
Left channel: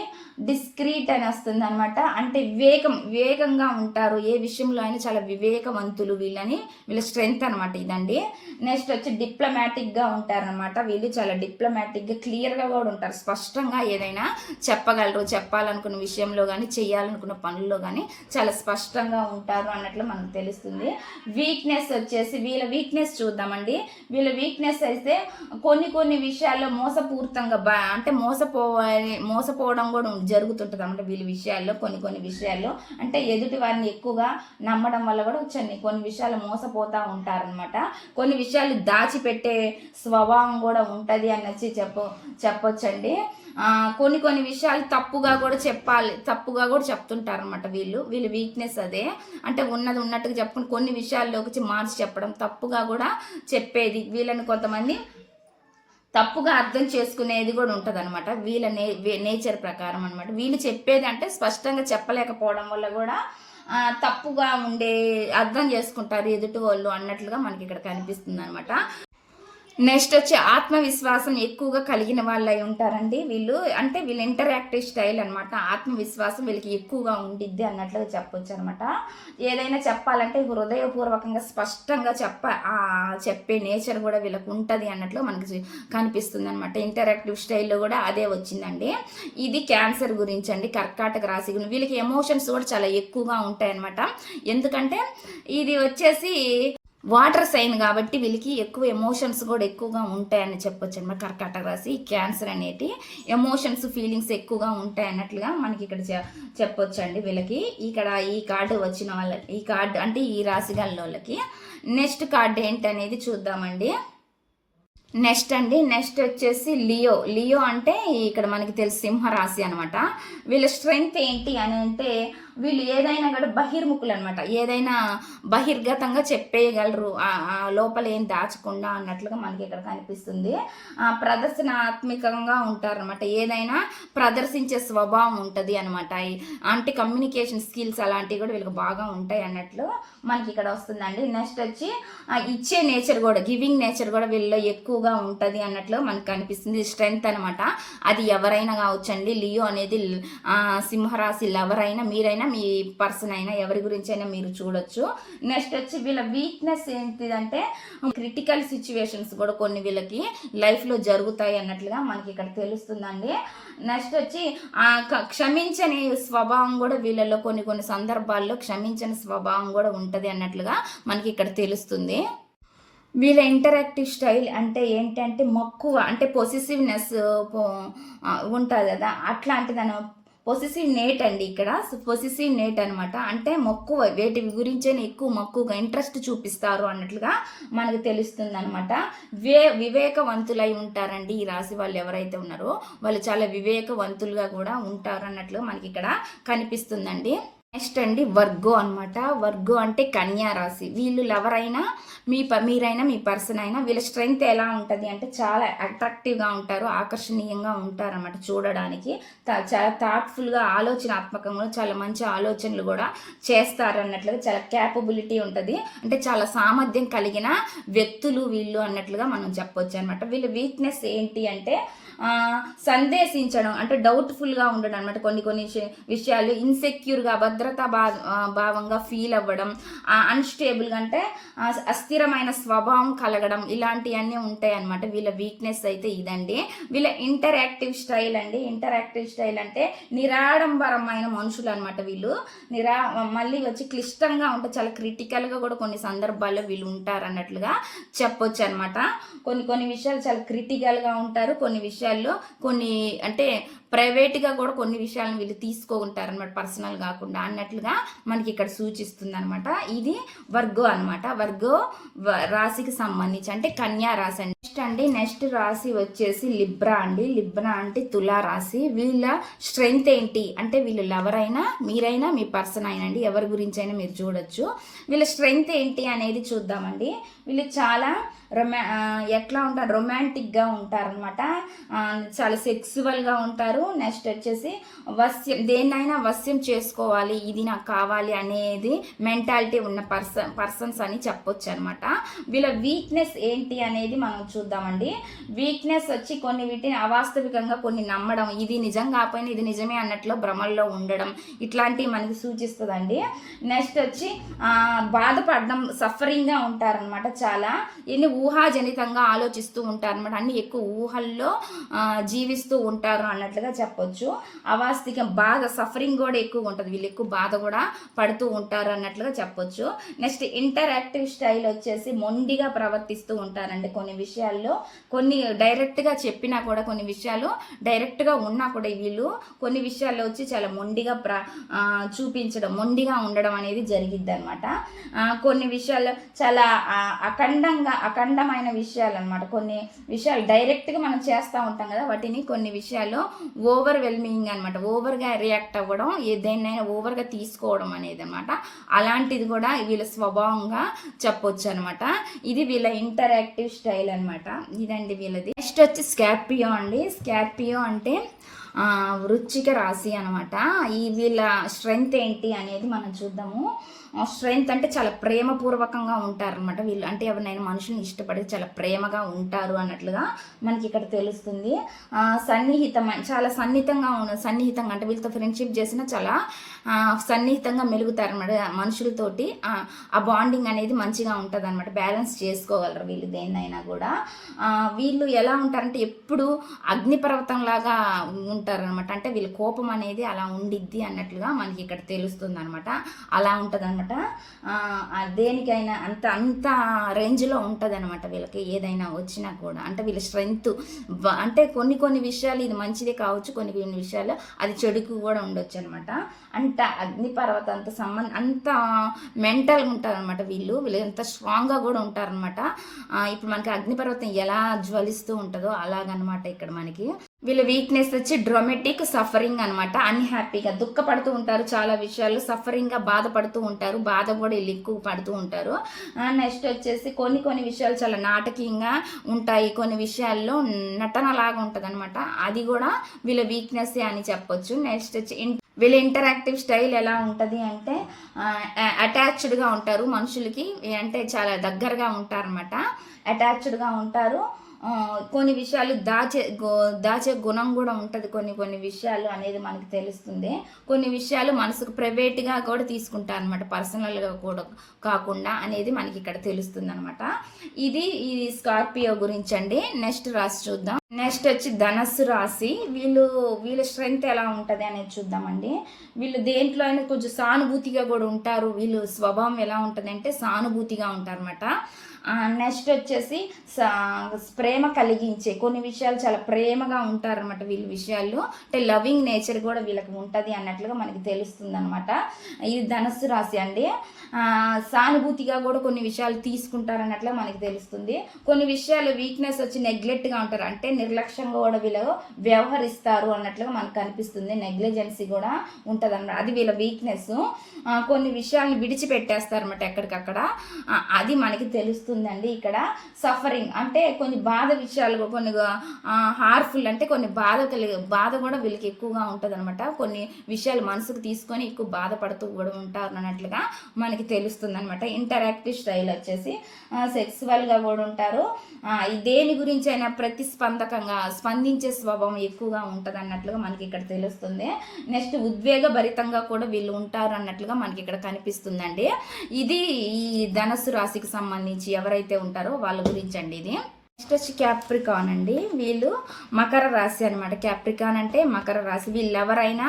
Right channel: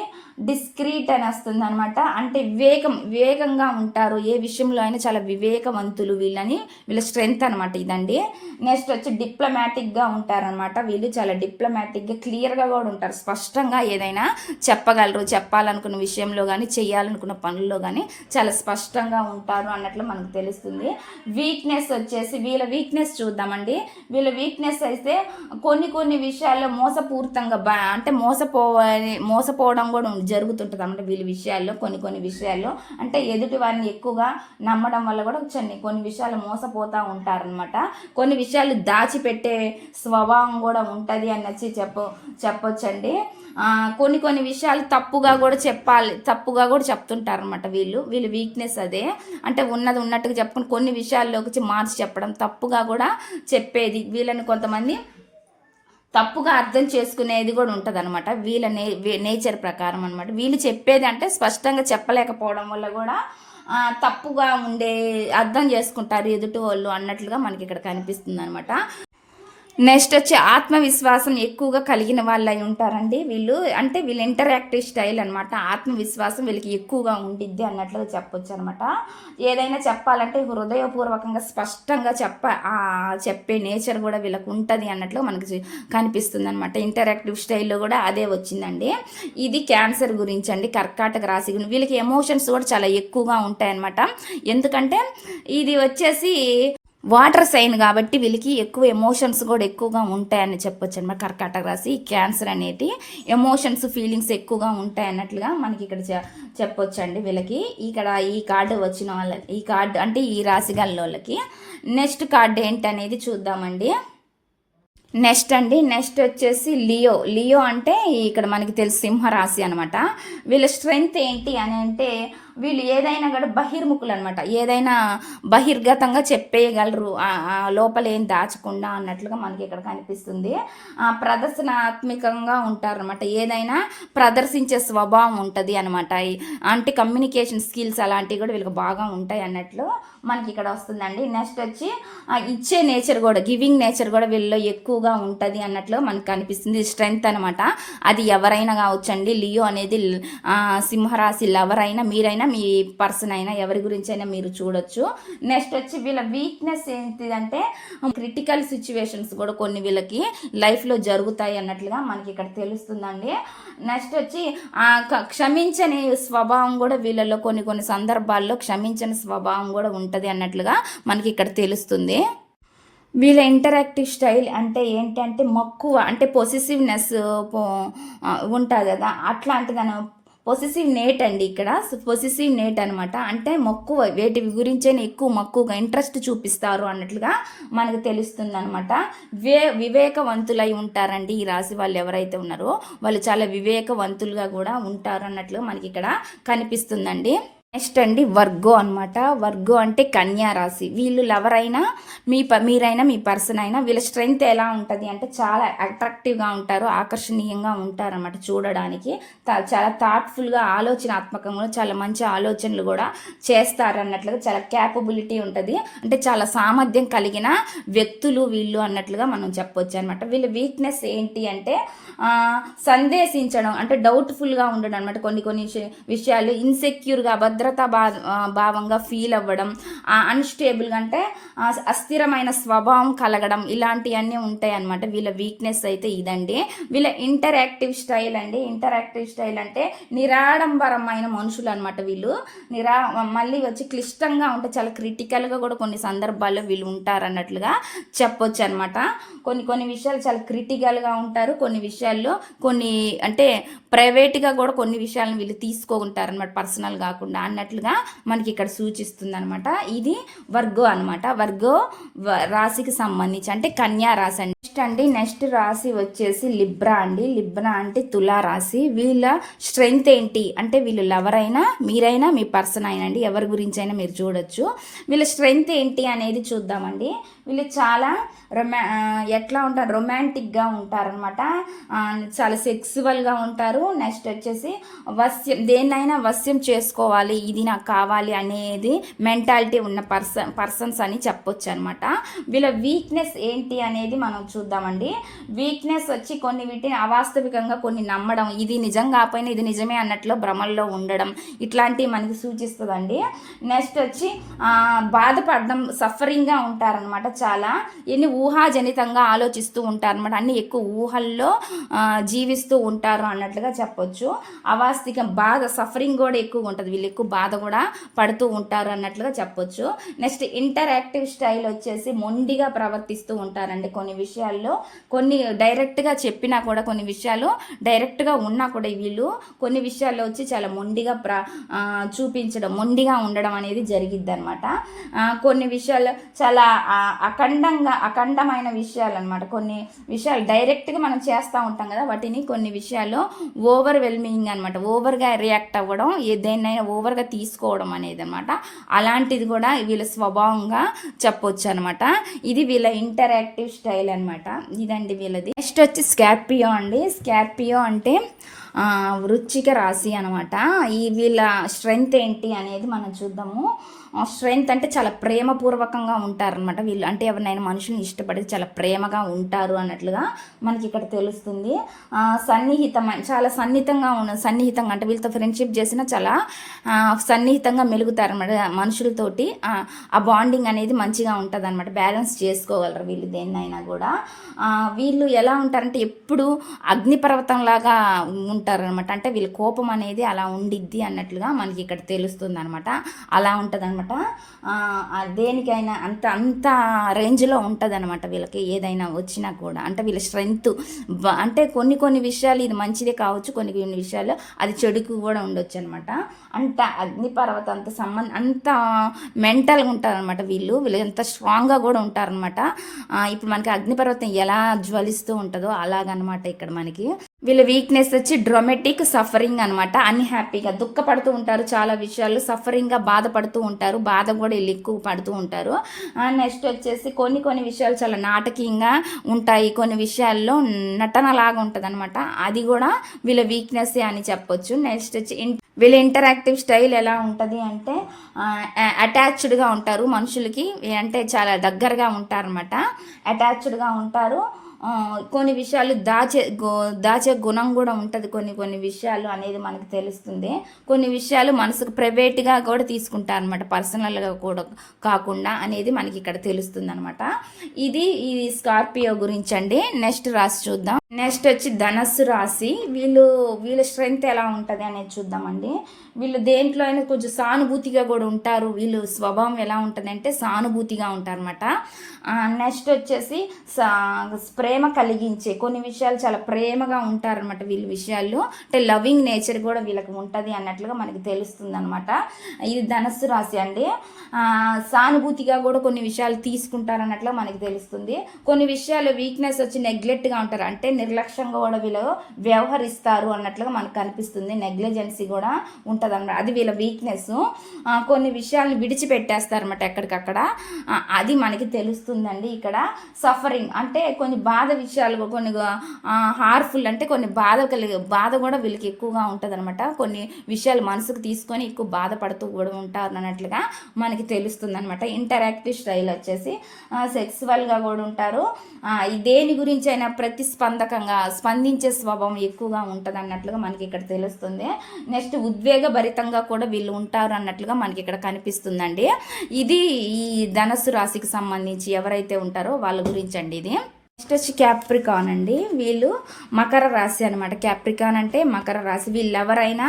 డిస్క్రీట్ అని వస్తుంది అనమాట అంటే వివేకం వివేకంగా ఉంటారు. ఏ విషయంలో అయినా చాలా వివేకవంతులు వీళ్ళని వీళ్ళ స్ట్రెంగ్త్ అనమాట ఇదండి. నెక్స్ట్ వచ్చి డిప్లొమాటిక్గా ఉంటారనమాట వీళ్ళు చాలా డిప్లొమాటిక్గా క్లియర్గా కూడా ఉంటారు. స్పష్టంగా ఏదైనా చెప్పగలరు. చెప్పాలనుకున్న విషయంలో కానీ చేయాలనుకున్న పనుల్లో కానీ చాలా స్పష్టంగా ఉంటారు అన్నట్లు మనకు తెలుస్తుంది. వీక్నెస్ వచ్చేసి వీళ్ళ వీక్నెస్ చూద్దామండి. వీళ్ళ వీక్నెస్ అయితే కొన్ని కొన్ని విషయాల్లో మోసపూరితంగా బా అంటే మోసపో మోసపోవడం కూడా జరుగుతుంటుంది అనమాట వీళ్ళ విషయాల్లో కొన్ని కొన్ని విషయాల్లో. అంటే ఎదుటి వారిని ఎక్కువగా నమ్మడం వల్ల కూడా కొన్ని కొన్ని విషయాలు మోసపోతూ ఉంటారనమాట కొన్ని విషయాలు దాచిపెట్టే స్వభావం కూడా ఉంటుంది అని వచ్చి చెప్ప చెప్పొచ్చండి. కొన్ని కొన్ని విషయాలు తప్పుగా కూడా చెప్పాలి తప్పుగా కూడా చెప్తుంటారు అనమాట వీళ్ళు. వీళ్ళు వీక్నెస్ అదే. అంటే ఉన్నది ఉన్నట్టుగా చెప్పుకుని కొన్ని విషయాల్లోకి వచ్చి మార్చి చెప్పడం తప్పుగా కూడా చెప్పేది. వీళ్ళని కొంతమంది తప్పుగా అర్థం చేసుకునేది కూడా ఉంటుంది అనమాట వీళ్ళ నే నేచర్ ప్రకారం అనమాట వీళ్ళు చెప్పేది అంటే స్పష్టంగా చెప్పలేకపోవడం వల్ల కూడా తప్పుగా ఉండే అర్థం చేసుకుంటారు ఎదుటి వాళ్ళు అన్నట్లుగా మనకి ఇక్కడ కనిపిస్తుంది అనమాట నెక్స్ట్ వచ్చి ఆత్మవిశ్వాసం ఎక్కువగా కలిగిన వాళ్ళు అయి ఉంటారండి. వీళ్ళు అంటే వీళ్ళు ఇంటరాక్టివ్ స్టైల్ అనమాట ఆత్మవిశ్వాసం వీళ్ళకి ఎక్కువగా ఉండిద్ది అన్నట్లుగా చెప్పొచ్చు అనమాట ఏదైనా చెప్పాలంటే హృదయపూర్వకంగా స్పష్టంగా చెప్ప చెప్పే నేచర్ కూడా వీళ్ళకి ఉంటుంది అన్నట్లు మనకి కనిపిస్తుంది అనమాట ఇంటరాక్టివ్ స్టైల్లో కూడా అదే వచ్చిందండి. ఇది క్యాన్సర్ గురించి అండి కర్కాటక రాశి గురించి వీళ్ళకి ఎమోషన్స్ కూడా చాలా ఎక్కువగా ఉంటాయన్నమాట. ఎందుకంటే ఇది వచ్చేసి వాటర్ సైన్ కాబట్టి వీళ్ళకి ఎక్కువ ఎమోషన్స్ కూడా ఎక్కువగా ఉంటాయని చెప్పొచ్చు అనమాట. కర్కాటక రాశి క్యాన్సర్ అనేది ఎమోషన్స్ ఫీలింగ్స్ ఎక్కువగా ఉంటాయి అన్నట్లుగా మనకి ఇక్కడ చె- చెప్పొచ్చు అండి వీళ్ళకి. ఇక్కడ ఈ కార్డు వచ్చిన వాళ్ళ ఈ కార్డు అంటే ఈ రాశి గల వాళ్ళకి. నెక్స్ట్ కార్డు ఏంటనేది చూద్దామండి. నెక్స్ట్ అండి. నెక్స్ట్ వచ్చేసి లియో. లియో అంటే ఇక్కడ మనకి తెలుసు సింహరాశి అనమాట. వీళ్ళ స్ట్రెంగ్త్ ఏంటి అని అంటే వీళ్ళు ఏదైనా కూడా బహిర్ముఖులు అనమాట ఏదైనా బహిర్గతంగా చెప్పేయగలరు. లోపలేం లోపల ఏం దాచకుండా అన్నట్లుగా మనకి ఇక్కడ కనిపిస్తుంది. ఆ ప్రదర్శనాత్మకంగా ఉంటారనమాట ఏదైనా ప్రదర్శించే స్వభావం ఉంటుంది అనమాట అంటే కమ్యూనికేషన్ స్కిల్స్ అలాంటివి కూడా వీళ్ళకి బాగా ఉంటాయి అన్నట్లు మనకి ఇక్కడ వస్తుందండి. నెక్స్ట్ వచ్చి ఇచ్చే నేచర్ కూడా గివింగ్ నేచర్ కూడా వీళ్ళలో ఎక్కువగా ఉంటుంది అన్నట్లు మనకు కనిపిస్తుంది స్ట్రెంగ్త్ అనమాట అది ఎవరైనా కావచ్చండి. లియో అనేది ఆ, ఎవరైనా మీరైనా మీ పర్సన్ అయినా ఎవరి గురించి అయినా మీరు చూడొచ్చు. నెక్స్ట్ వచ్చి వీళ్ళ వీక్నెస్ ఏంటిదంటే క్రిటికల్ సిచ్యువేషన్స్ కూడా కొన్ని వీళ్ళకి లైఫ్లో జరుగుతాయి అన్నట్లుగా మనకి ఇక్కడ తెలుస్తుందండి. నెక్స్ట్ వచ్చి క్షమించని స్వభావం కూడా వీళ్ళలో కొన్ని కొన్ని సందర్భాల్లో క్షమించని స్వభావం కూడా ఉంటుంది అన్నట్లుగా మనకి ఇక్కడ తెలుస్తుంది. వీళ్ళ ఇంటరాక్టివ్ స్టైల్ అంటే ఏంటంటే మక్కువ అంటే పొసెసివ్నెస్ ఉంటుంది కదా అట్లాంటిదని పొసెసివ్ నేట్ అండి ఇక్కడ. పొసెసివ్ నేట్ అనమాట అంటే మక్కువ వేటి గురించే ఎక్కువ మక్కువగా ఇంట్రెస్ట్ చూపిస్తారు అన్నట్లుగా మనకు తెలుస్తుంది అనమాట వే వివేకవంతులై ఉంటారండి ఈ రాశి వాళ్ళు ఎవరైతే ఉన్నారో వాళ్ళు చాలా వివేకవంతులుగా కూడా ఉంటారు అన్నట్లు మనకి ఇక్కడ కనిపిస్తుందండి. నెక్స్ట్ అండి వర్గో అన్నమాట. వర్గో అంటే కన్యా రాశి. వీళ్ళు ఎవరైనా మీ ప మీరైనా మీ పర్సన్ అయినా వీళ్ళ స్ట్రెంగ్త్ ఎలా ఉంటుంది అంటే చాలా అట్రాక్టివ్గా ఉంటారు ఆకర్షణీయంగా ఉంటారన్నమాట చూడడానికి. తా- చాలా థాట్ఫుల్గా ఆలోచనాత్మకంగా చాలా మంచి ఆలోచనలు కూడా చేస్తారు అన్నట్లుగా చాలా క్యాపబిలిటీ ఉంటుంది. అంటే చాలా సామర్థ్యం కలిగిన వ్యక్తులు వీళ్ళు అన్నట్లుగా మనం చెప్పొచ్చు అనమాట వీళ్ళ వీక్నెస్ ఏంటి అంటే సందేశించడం అంటే డౌట్ఫుల్గా ఉండడం అనమాట కొన్ని కొన్ని విషయ- విషయాలు ఇన్సెక్యూర్గా భద్రతా భా భావంగా ఫీల్ అవ్వడం అన్స్టేబుల్ అంటే అస్థిరమైన స్వభావం కలగడం ఇలాంటివన్నీ ఉంటాయి అనమాట వీళ్ళ వీక్నెస్ అయితే ఇదండి. వీళ్ళ ఇంటరాక్టివ్ స్టైల్ అండి. ఇంటరాక్టివ్ స్టైల్ అంటే నిరాడంబరమైన మనుషులు అనమాట వీళ్ళు. నిరా మళ్ళీ వచ్చి క్లిష్టంగా ఉంటే చాలా క్రిటికల్గా కూడా కొన్ని సందర్భాల్లో వీళ్ళు ఉంటారు అన్నట్లుగా చెప్పొచ్చు అనమాట కొన్ని కొన్ని విషయాలు చాలా క్రిటికల్గా ఉంటారు. కొన్ని విషయాల్లో కొన్ని అంటే ప్రైవేట్గా కూడా కొన్ని విషయాలను వీళ్ళు తీసుకుంటారు అనమాట పర్సనల్ కాకుండా అన్నట్లుగా మనకి ఇక్కడ సూచిస్తుంది అనమాట ఇది వర్గో అనమాట వర్గో వ- రాశికి సంబంధించి అంటే కన్యా రాశి అండి. నెక్స్ట్ అండి నెక్స్ట్ రాశి వచ్చేసి లిబ్రా అండి. లిబ్రా అంటే తులా రాశి వీళ్ళ స్ట్రెంగ్త్ ఏంటి? అంటే వీళ్ళు ఎవరైనా మీరైనా మీ పర్సన్ అయినా అండి. ఎవరి గురించి అయినా మీరు చూడొచ్చు. వీళ్ళ స్ట్రెంగ్త్ ఏంటి అనేది చూద్దామండి. వీళ్ళు చాలా రొమా ఎట్లా ఉంటారు? రొమాంటిక్గా ఉంటారనమాట చాలా సెక్సువల్గా ఉంటారు. నెక్స్ట్ వచ్చేసి వస్యం దేన్నైనా వస్యం చేసుకోవాలి. ఇది నాకు కావాలి అనేది మెంటాలిటీ ఉన్న పర్సన్ పర్సన్స్ అని చెప్పొచ్చు అనమాట వీళ్ళ వీక్నెస్ ఏంటి అనేది మనం చూద్దామండి. వీక్నెస్ వచ్చి కొన్ని వీటిని అవాస్తవికంగా కొన్ని నమ్మడం ఇది నిజం కాకపోయినా ఇది నిజమే అన్నట్లు భ్రమల్లో ఉండడం ఇట్లాంటివి మనకి సూచిస్తుందండి. నెక్స్ట్ వచ్చి బాధపడడం సఫరింగ్గా ఉంటారనమాట చాలా. ఎన్ని ఊహాజనితంగా ఆలోచిస్తూ ఉంటారు అనమాట అన్ని ఎక్కువ ఊహల్లో జీవిస్తూ ఉంటారు అన్నట్లుగా చెప్పొచ్చు. అవాస్తికం బాధ సఫరింగ్ కూడా ఎక్కువ ఉంటుంది. వీళ్ళు ఎక్కువ బాధ కూడా పడుతూ ఉంటారు అన్నట్లుగా చెప్పొచ్చు. నెక్స్ట్ ఇంటరాక్టివ్ స్టైల్ వచ్చేసి మొండిగా ప్రవర్తిస్తూ ఉంటారండి కొన్ని విషయాల్లో. కొన్ని డైరెక్ట్గా చెప్పినా కూడా కొన్ని విషయాలు డైరెక్ట్గా ఉన్నా కూడా వీళ్ళు కొన్ని విషయాల్లో వచ్చి చాలా మొండిగా ప్ర చూపించడం మొండిగా ఉండడం అనేది జరిగిద్ది అనమాట కొన్ని విషయాల్లో చాలా అఖండంగా అఖండమైన విషయాలు అనమాట కొన్ని విషయాలు డైరెక్ట్గా మనం చేస్తూ ఉంటాం కదా వాటిని కొన్ని విషయాలు ఓవర్ వెల్మింగ్ అనమాట ఓవర్గా రియాక్ట్ అవ్వడం ఏదైనా దేన్నైనా ఓవర్గా తీసుకోవడం అనేది అనమాట అలాంటిది కూడా వీళ్ళ స్వభావంగా చెప్పొచ్చు అనమాట ఇది వీళ్ళ ఇంటరాక్టివ్ స్టైల్ అనమాట ఇదండి వీళ్ళది. నెక్స్ట్ వచ్చి స్కార్పియో అండి. స్కార్పియో అంటే వృచ్చిక రాశి అనమాట ఈ వీళ్ళ స్ట్రెంగ్త్ ఏంటి అనేది మనం చూద్దాము. స్ట్రెంగ్త్ అంటే చాలా ప్రేమపూర్వకంగా ఉంటారనమాట వీళ్ళు. అంటే ఎవరినైనా మనుషుల్ని ఇష్టపడి చాలా ప్రేమగా ఉంటారు అన్నట్లుగా మనకి ఇక్కడ తెలుస్తుంది. సన్నిహితం సన్నిహితమైన చాలా సన్నిహితంగా ఉన్న సన్నిహితంగా అంటే వీళ్ళతో ఫ్రెండ్షిప్ చేసినా చాలా సన్నిహితంగా మెలుగుతారు అనమాట మనుషులతోటి. ఆ, బాండింగ్ అనేది మంచిగా ఉంటుంది అనమాట బ్యాలెన్స్ చేసుకోగలరు వీళ్ళు దేన్నైనా కూడా. వీళ్ళు ఎలా ఉంటారంటే ఎప్పుడు అగ్నిపర్వతంలాగా ఉంటారనమాట అంటే వీళ్ళ కోపం అనేది అలా ఉండిద్ది అన్నట్లుగా మనకి ఇక్కడ తెలుస్తుంది అనమాట అలా ఉంటుంది అనమాట దేనికైనా అంత అంత రేంజ్లో ఉంటుంది అనమాట వీళ్ళకి ఏదైనా వచ్చినా కూడా. అంటే వీళ్ళ స్ట్రెంగ్త్ అంటే కొన్ని కొన్ని విషయాలు ఇది మంచిదే కావచ్చు కొన్ని కొన్ని విషయాలు అది చెడుకు కూడా ఉండొచ్చు అనమాట అంత అగ్నిపర్వతం అంత సంబంధం అంత మెంటల్గా ఉంటారనమాట వీళ్ళు. వీళ్ళు ఎంత స్ట్రాంగ్గా కూడా ఉంటారనమాట ఇప్పుడు మనకి అగ్నిపర్వతం ఎలా జ్వలిస్తూ ఉంటుందో అలాగనమాట ఇక్కడ మనకి. వీళ్ళ వీక్నెస్ వచ్చి డ్రొమెటిక్ సఫరింగ్ అనమాట అన్హ్యాపీగా దుఃఖపడుతూ ఉంటారు చాలా విషయాలు. సఫరింగ్గా బాధపడుతూ ఉంటారు. బాధ కూడా వీళ్ళు ఎక్కువ పడుతూ ఉంటారు. నెక్స్ట్ వచ్చేసి కొన్ని కొన్ని విషయాలు చాలా నాటకీయంగా ఉంటాయి. కొన్ని విషయాల్లో నటనలాగా ఉంటుంది అనమాట అది కూడా వీళ్ళ వీక్నెస్ అని చెప్పొచ్చు. నెక్స్ట్ వచ్చి ఇన్- వీళ్ళ ఇంటరాక్టివ్ స్టైల్ ఎలా ఉంటుంది అంటే అటాచ్డ్గా ఉంటారు మనుషులకి. అంటే చాలా దగ్గరగా ఉంటారనమాట అటాచ్డ్గా ఉంటారు. కొన్ని విషయాలు దాచే దాచే గుణం కూడా ఉంటుంది కొన్ని కొన్ని విషయాలు అనేది మనకు తెలుస్తుంది. కొన్ని విషయాలు మనసుకు ప్రైవేట్గా కూడా తీసుకుంటారు అనమాట పర్సనల్గా కూడా కాకుండా అనేది మనకి ఇక్కడ తెలుస్తుంది అనమాట ఇది ఈ స్కార్పియో గురించి అండి నెక్స్ట్ రాసి చూద్దాం. నెక్స్ట్ వచ్చి ధనస్సు రాశి. వీళ్ళు వీళ్ళ స్ట్రెంగ్త్ ఎలా ఉంటుంది అనేది చూద్దామండి. వీళ్ళు దేంట్లో అయినా కొంచెం సానుభూతిగా కూడా ఉంటారు. వీళ్ళు స్వభావం ఎలా ఉంటుంది అంటే సానుభూతిగా ఉంటారన్నమాట. నెక్స్ట్ వచ్చేసి సా- ప్రేమ కలిగించే కొన్ని విషయాలు చాలా ప్రేమగా ఉంటారనమాట వీళ్ళ విషయాల్లో. అంటే లవింగ్ నేచర్ కూడా వీళ్ళకి ఉంటుంది అన్నట్లుగా మనకి తెలుస్తుంది అనమాట ఇది ధనస్సు రాశి అండి. సానుభూతిగా కూడా కొన్ని విషయాలు తీసుకుంటారన్నట్లు మనకి తెలుస్తుంది. కొన్ని విషయాలు వీక్నెస్ వచ్చి నెగ్లెక్ట్గా ఉంటారు. అంటే నిర్లక్ష్యంగా కూడా వీళ్ళు వ్యవహరిస్తారు అన్నట్లుగా మనకు కనిపిస్తుంది. నెగ్లిజెన్సీ కూడా ఉంటుంది అనమాట అది వీళ్ళ వీక్నెస్ కొన్ని విషయాలను విడిచిపెట్టేస్తారన్నమాట ఎక్కడికక్కడ. అది మనకి తెలుస్తుందండి ఇక్కడ. సఫరింగ్ అంటే కొన్ని బాధ విషయాలు కొన్ని హార్ఫుల్ అంటే కొన్ని బాధ కలిగే బాధ కూడా వీళ్ళకి ఎక్కువగా ఉంటుంది అనమాట కొన్ని విషయాలు మనసుకు తీసుకొని ఎక్కువ బాధపడుతూ కూడా ఉంటారు అన్నట్లుగా మనకి తెలుస్తుంది అనమాట ఇంటరాక్టివ్ స్టైల్ వచ్చేసి సెక్సువల్గా కూడా ఉంటారు. దేని గురించి అయినా ప్రతిస్పందకంగా స్పందించే స్వభావం ఎక్కువగా ఉంటుంది అన్నట్లుగా మనకి ఇక్కడ తెలుస్తుంది. నెక్స్ట్ ఉద్వేగ భరితంగా కూడా వీళ్ళు ఉంటారు అన్నట్లుగా మనకి ఇక్కడ కనిపిస్తుందండి. ఇది ఈ ధనస్సు రాశికి సంబంధించి ఎవరైతే ఉంటారో వాళ్ళ గురించి అండి ఇది. నెక్స్ట్ వచ్చి క్యాప్రికాన్ అండి. వీళ్ళు మకర రాశి అనమాట క్యాప్రికాన్ అంటే మకర రాశి. వీళ్ళు ఎవరైనా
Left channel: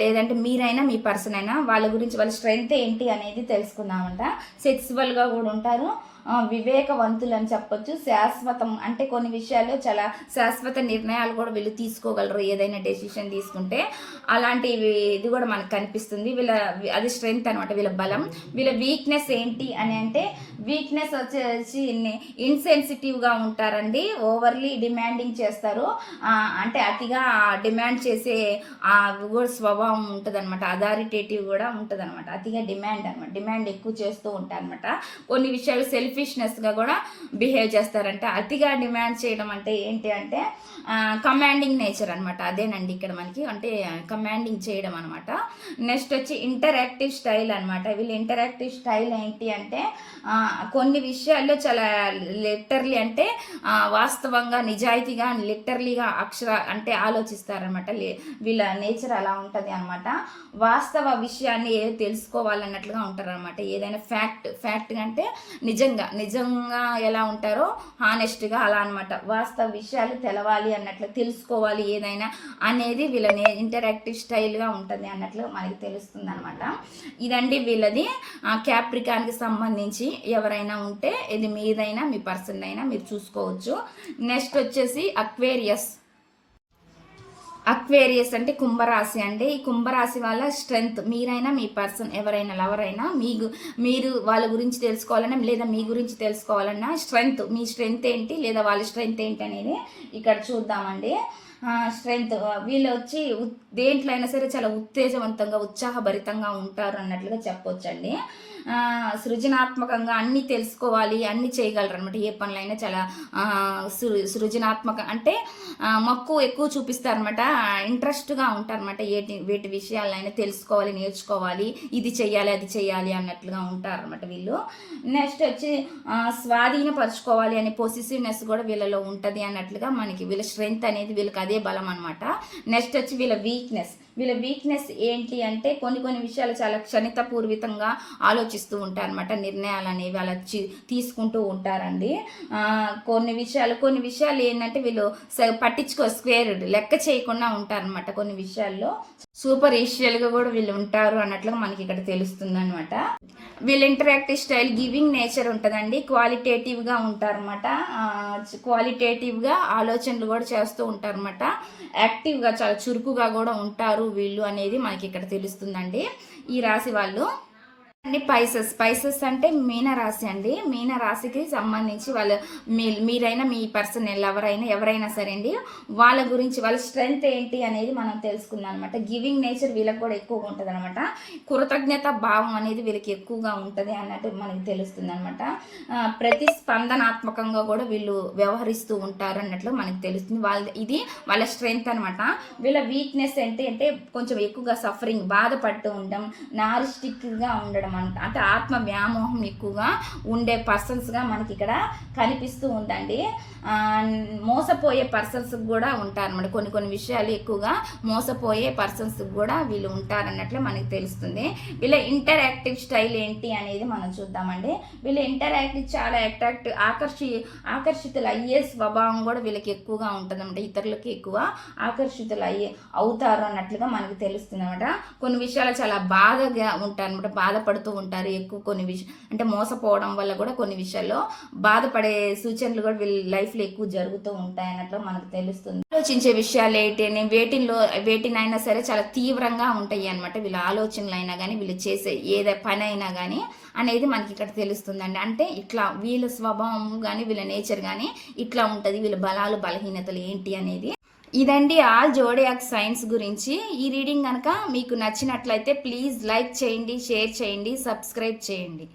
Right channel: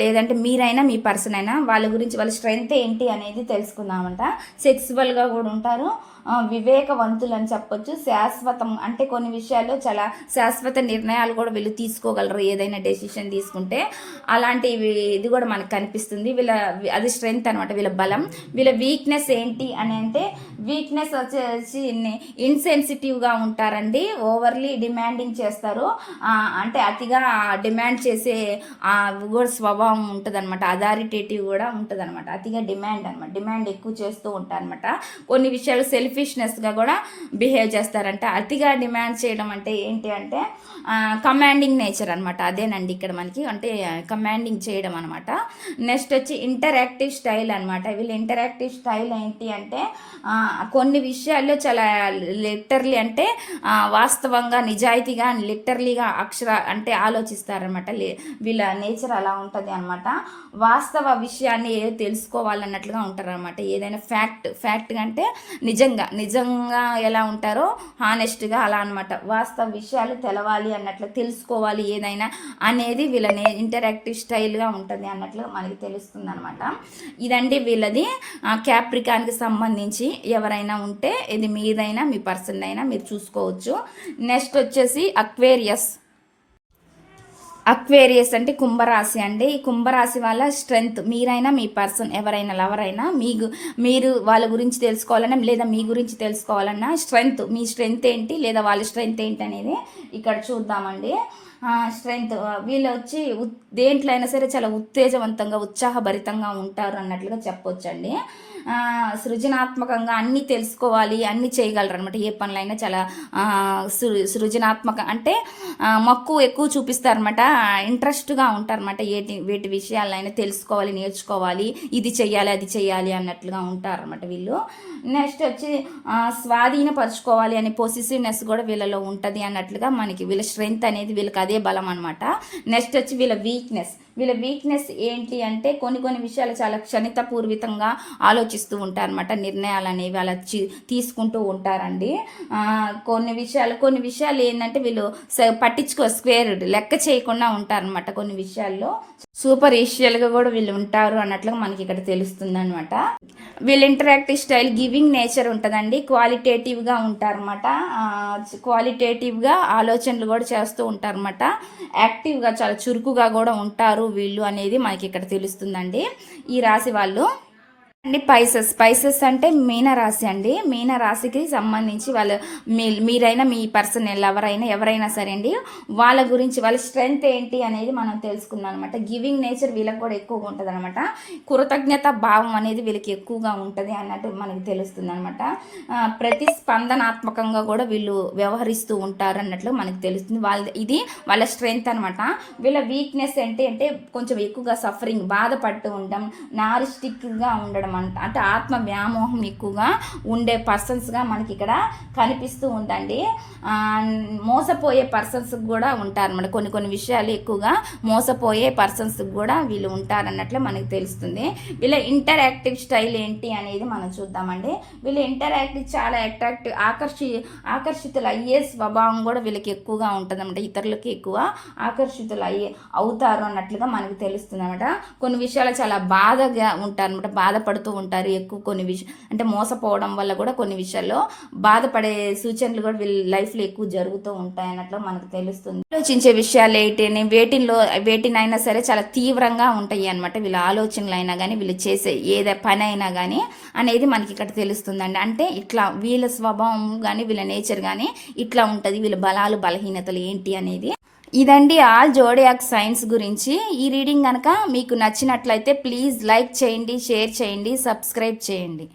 లేదంటే మీరైనా మీ పర్సన్ అయినా వాళ్ళ గురించి వాళ్ళ స్ట్రెంగ్త్ ఏంటి అనేది తెలుసుకుందామంట. సెక్సువల్గా కూడా ఉంటారు. వివేకవంతులని వివేకవంతులు అని చెప్పొచ్చు. శాశ్వతం అంటే కొన్ని విషయాల్లో చాలా శాశ్వత నిర్ణయాలు కూడా వీళ్ళు తీసుకోగలరు ఏదైనా డెసిషన్ తీసుకుంటే. అలాంటి ఇది కూడా మనకు కనిపిస్తుంది. వీళ్ళ అది స్ట్రెంగ్త్ అనమాట వీళ్ళ బలం. వీళ్ళ వీక్నెస్ ఏంటి అని అంటే వీక్నెస్ వచ్చేసి ఇన్సెన్సిటివ్గా ఉంటారండి. ఓవర్లీ డిమాండింగ్ చేస్తారు. అంటే అతిగా డిమాండ్ చేసే ఆ కూడా స్వభావం ఉంటుంది అనమాట అథారిటేటివ్ కూడా ఉంటుంది అనమాట అతిగా డిమాండ్ అనమాట డిమాండ్ ఎక్కువ చేస్తూ ఉంటారు అనమాట కొన్ని విషయాలు సెల్ఫ్ సెల్ఫిష్నెస్గా కూడా బిహేవ్ చేస్తారంట. అతిగా డిమాండ్ చేయడం అంటే ఏంటి అంటే కమాండింగ్ నేచర్ అనమాట అదేనండి ఇక్కడ మనకి. అంటే కమాండింగ్ చేయడం అనమాట నెక్స్ట్ వచ్చి ఇంటరాక్టివ్ స్టైల్ అనమాట వీళ్ళు ఇంటరాక్టివ్ స్టైల్ ఏంటి అంటే కొన్ని విషయాల్లో చాలా లిటర్లీ అంటే వాస్తవంగా నిజాయితీగా లిటర్లీగా అక్షర అంటే ఆలోచిస్తారనమాట లే- వీళ్ళ నేచర్ అలా ఉంటుంది అనమాట వాస్తవ విషయాన్ని ఏదో తెలుసుకోవాలన్నట్లుగా ఉంటారనమాట ఏదైనా ఫ్యాక్ట్ ఫ్యాక్ట్ అంటే నిజంగా నిజంగా ఎలా ఉంటారో హానెస్ట్గా అలా అనమాట వాస్తవ విషయాలు తెలవాలి అన్నట్లు తెలుసుకోవాలి ఏదైనా అనేది వీళ్ళ ఇంటరాక్టివ్ స్టైల్గా ఉంటుంది అన్నట్లు మనకి తెలుస్తుంది అనమాట ఇదండి వీళ్ళది. క్యాప్రికాన్కి సంబంధించి ఎవరైనా ఉంటే ఇది మీదైనా మీ పర్సన్ అయినా మీరు చూసుకోవచ్చు. నెక్స్ట్ వచ్చేసి అక్వేరియస్ అక్వేరియస్ అంటే కుంభరాశి అండి. ఈ కుంభరాశి వాళ్ళ స్ట్రెంగ్త్. మీరైనా మీ పర్సన్ ఎవరైనా లవర్ అయినా మీ మీరు వాళ్ళ గురించి తెలుసుకోవాలన్నా లేదా మీ గురించి తెలుసుకోవాలన్నా స్ట్రెంగ్త్. మీ స్ట్రెంగ్త్ ఏంటి లేదా వాళ్ళ స్ట్రెంగ్త్ ఏంటి అనేది ఇక్కడ చూద్దామండి. స్ట్రెంగ్త్. వీళ్ళు వచ్చి ఉత్- దేంట్లో అయినా సరే చాలా ఉత్తేజవంతంగా ఉత్సాహభరితంగా ఉంటారు అన్నట్లుగా చెప్పొచ్చండి. సృజనాత్మకంగా అన్నీ తెలుసుకోవాలి అన్నీ చేయగలరు అనమాట ఏ పనులైనా చాలా సృ సృజనాత్మక అంటే మక్కువ ఎక్కువ చూపిస్తారనమాట ఇంట్రెస్ట్గా ఉంటారనమాట ఏటి వీటి విషయాలైనా తెలుసుకోవాలి నేర్చుకోవాలి. ఇది చెయ్యాలి అది చెయ్యాలి అన్నట్లుగా ఉంటారనమాట వీళ్ళు. నెక్స్ట్ వచ్చి స్వాధీనపరచుకోవాలి అనే పొసిసివ్నెస్ కూడా వీళ్ళలో ఉంటుంది అన్నట్లుగా మనకి వీళ్ళ స్ట్రెంగ్త్ అనేది వీళ్ళకి అదే బలం అనమాట నెక్స్ట్ వచ్చి వీళ్ళ వీక్నెస్ వీళ్ళ వీక్నెస్ ఏంటి అంటే కొన్ని కొన్ని విషయాలు చాలా క్షణితపూర్వితంగా ఆలోచిస్తూ ఉంటారనమాట నిర్ణయాలు అనేవి అలా తీసుకుంటూ ఉంటారండి. కొన్ని విషయాలు కొన్ని విషయాలు ఏంటంటే వీళ్ళు పట్టించుకో స్క్వేర్ లెక్క చేయకుండా ఉంటారనమాట కొన్ని విషయాల్లో. సూపర్ ఏషియల్గా కూడా వీళ్ళు ఉంటారు అన్నట్లుగా మనకి ఇక్కడ తెలుస్తుంది అనమాట వీళ్ళ ఇంటరాక్టివ్ స్టైల్ గివింగ్ నేచర్ ఉంటుందండి. క్వాలిటేటివ్గా ఉంటారన్నమాట. క్వాలిటేటివ్గా ఆలోచనలు కూడా చేస్తూ ఉంటారన్నమాట. యాక్టివ్గా చాలా చురుకుగా కూడా ఉంటారు వీళ్ళు అనేది మనకి ఇక్కడ తెలుస్తుందండి. ఈ రాశి వాళ్ళు అండి పైసెస్ పైసెస్ అంటే మీన రాశి అండి. మీన రాశికి సంబంధించి వాళ్ళ మీ మీరైనా మీ పర్సన్ ఎవరైనా ఎవరైనా సరే అండి వాళ్ళ గురించి వాళ్ళ స్ట్రెంగ్త్ ఏంటి అనేది మనం తెలుసుకుందాం అనమాట గివింగ్ నేచర్ వీళ్ళకి కూడా ఎక్కువగా ఉంటుంది అనమాట కృతజ్ఞత భావం అనేది వీళ్ళకి ఎక్కువగా ఉంటుంది అన్నట్టు మనకి తెలుస్తుంది అనమాట ప్రతిస్పందనాత్మకంగా కూడా వీళ్ళు వ్యవహరిస్తూ ఉంటారు అన్నట్లు మనకి తెలుస్తుంది. వాళ్ళ ఇది వాళ్ళ స్ట్రెంగ్త్ అనమాట వీళ్ళ వీక్నెస్ ఏంటి అంటే కొంచెం ఎక్కువగా సఫరింగ్ బాధపడుతూ ఉండడం నారిస్టిక్గా ఉండడం అంట అంటే ఆత్మ వ్యామోహం ఎక్కువగా ఉండే పర్సన్స్గా మనకి ఇక్కడ కనిపిస్తూ ఉందండి. మోసపోయే పర్సన్స్ కూడా ఉంటారన్నమాట. కొన్ని కొన్ని విషయాలు ఎక్కువగా మోసపోయే పర్సన్స్ కూడా వీళ్ళు ఉంటారన్నట్లు మనకి తెలుస్తుంది. వీళ్ళ ఇంటరాక్టివ్ స్టైల్ ఏంటి అనేది మనం చూద్దామండి. వీళ్ళు ఇంటరాక్టివ్ చాలా అట్రాక్టివ్ ఆకర్షి ఆకర్షితులు అయ్యే స్వభావం కూడా వీళ్ళకి ఎక్కువగా ఉంటుందన్నమాట. ఇతరులకి ఎక్కువ ఆకర్షితులు అయ్యే అవుతారు అన్నట్లుగా మనకి తెలుస్తుంది అనమాట కొన్ని విషయాలు చాలా బాధగా ఉంటారు అనమాట బాధపడుతూ ఉంటారు. ఎక్కువ కొన్ని విషయం అంటే మోసపోవడం వల్ల కూడా కొన్ని విషయాల్లో బాధపడే సూచనలు కూడా వీళ్ళ లైఫ్లో ఎక్కువ జరుగుతూ ఉంటాయి అన్నట్లు మనకు తెలుస్తుంది. ఆలోచించే విషయాలు ఏంటి అని వేటిలో వేటినైనా సరే చాలా తీవ్రంగా ఉంటాయి అనమాట వీళ్ళ ఆలోచనలు అయినా కానీ వీళ్ళు చేసే ఏదే పని అయినా కానీ అనేది మనకి ఇక్కడ తెలుస్తుందండి. అంటే ఇట్లా వీళ్ళ స్వభావం కానీ వీళ్ళ నేచర్ కానీ ఇట్లా ఉంటుంది. వీళ్ళ బలాలు బలహీనతలు ఏంటి అనేది ఇదండి ఆల్ జోడియాక్ సైన్స్ గురించి. ఈ రీడింగ్ కనుక మీకు నచ్చినట్లయితే ప్లీజ్ లైక్ చేయండి షేర్ చేయండి సబ్స్క్రైబ్ చేయండి.